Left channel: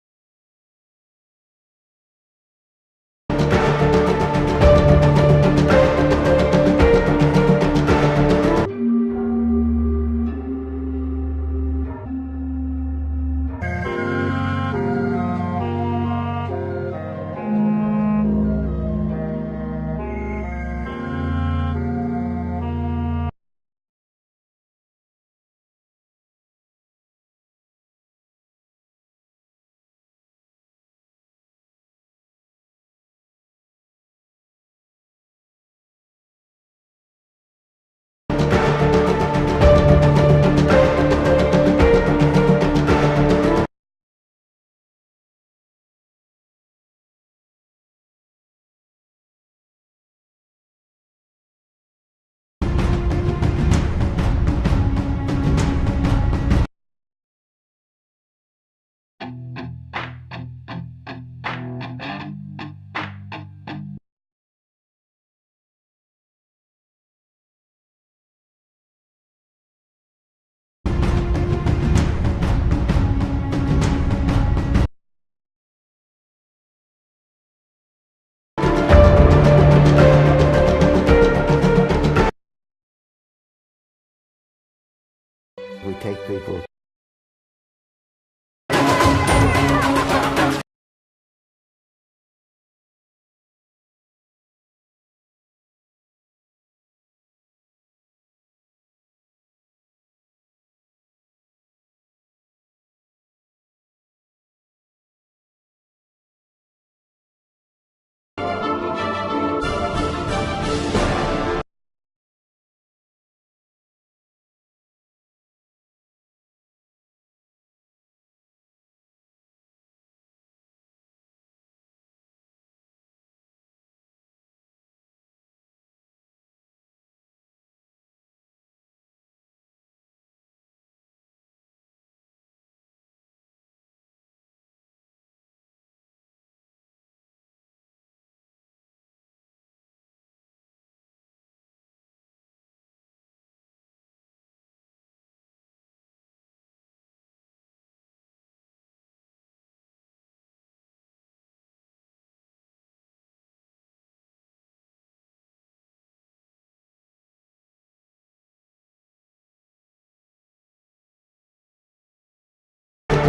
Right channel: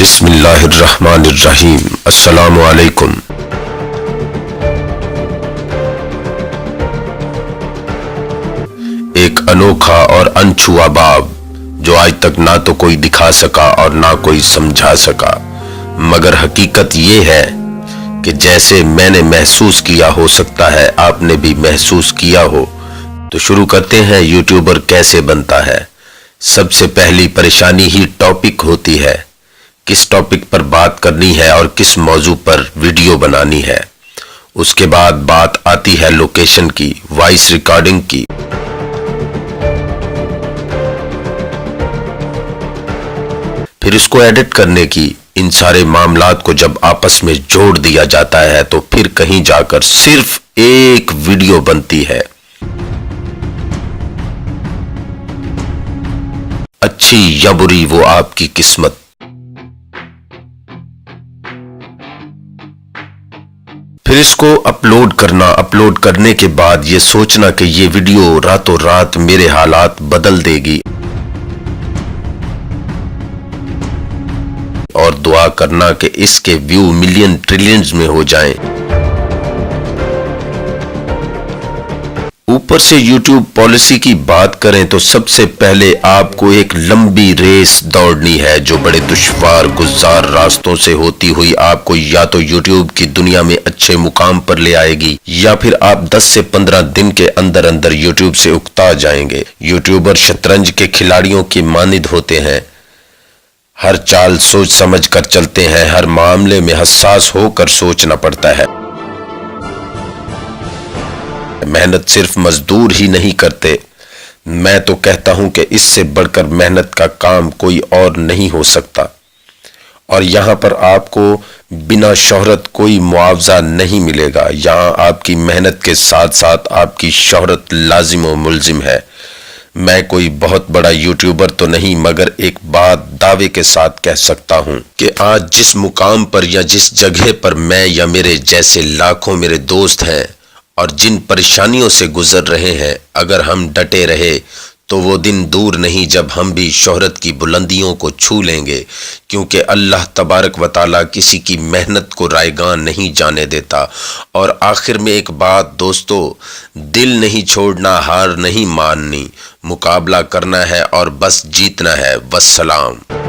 بسم اللہ الرحمن الرحیم۔ السلام علیکم۔ ایک انوکھا اور انچھوا باب جو آج تک نہ تو کوئی دکھا سکا اور نہ کوئی سمجھا سکا، مگر حقیقت یہ ہے کہ جیسے میں نے محسوس کیا، ہو سکتا ہے آپ نے بھی محسوس کیا ہو۔ تو شروع کرتے ہیں یوٹیوبر کیسے بنتا ہے۔ سب سے پہلی پریشانی ہی ٹاپک ہوتی ہے، کس ٹاپک پر بات کرنی ہے اور کس موضوع پر ویڈیو بنانی ہے۔ اس کے بعد بات آتی ہے لوکیشن کی، وائس ریکارڈنگ کی، پھر اس کو ایڈٹ کرنے کی۔ ان سارے معاملات کو جب آپس میں جوڑ دیا جاتا ہے تو پھر کہیں جا کر صرف ایک ویڈیو بنتی ہے۔ اچھی یا بری وہ آپ کی قسمت۔ پھر اس کو اپلوڈ کرنا، اپلوڈ کرنے کے بعد یہ سوچنا کہ یہ ویڈیو راتوں رات میرے حالات بدل دے گی، اور دعا کرنا کہ اس کے ویو ملین ٹریلینز میں ہو جائیں۔ اوپر سے یوٹیوب پالیسی کی بات کریں تو سب سے پہلے آپ کو ایک لمبی ریس دوڑنی ہے جو بڑے دشوار گزار راستوں سے ہوتی ہوئی آپ کو یا تو یوٹیوب کی دنیا میں اچھے مقام پر لے آئے گی، یا پھر آپ 10 سے 15 دن کے اندر اندر یوٹیوب سے اکتا جائیں گے۔ یوٹیوبر شطرنج کے کھلاڑیوں کی مانند ہوتے ہیں، ہر چال سوچ سمجھ کر چلتے ہیں، ہر معاملے میں حساس ہو کر سوچنا پڑتا ہے۔ محنت صرف مزدور ہی نہیں کرتے، میں تو کہتا ہوں کہ اس سے بڑھ کر محنت کا کام کوئی اور نہیں ہو سکتا۔ اور یہاں پر آپ کو بنا شہرت کوئی معاوضہ نہیں ملے گا، یہاں آپ کی محنت کے ساتھ ساتھ آپ کی شہرت لازم و ملزم ہے۔ میں کوئی بہت بڑا یوٹیوبر تو نہیں، مگر ایک بات دعوے کے ساتھ کہہ سکتا ہوں کہ آج جس مقام پر یا جس جگہ پر میں یا میرے جیسے لاکھوں میرے دوست ہیں اور جن پریشانیوں سے گزر رہے ہیں، اگر ہم ڈٹے رہے تو وہ دن دور نہیں جب ہم بھی شہرت کی بلندیوں کو چھو لیں گے، کیونکہ اللہ تبارک و تعالیٰ کسی کی محنت کو رائیگان نہیں جانے دیتا۔ اور آخر میں ایک بات دوستو، دل نہیں چھوڑنا، ہار نہیں ماننی، مقابلہ کرنا ہے اور بس جیتنا ہے۔ والسلام۔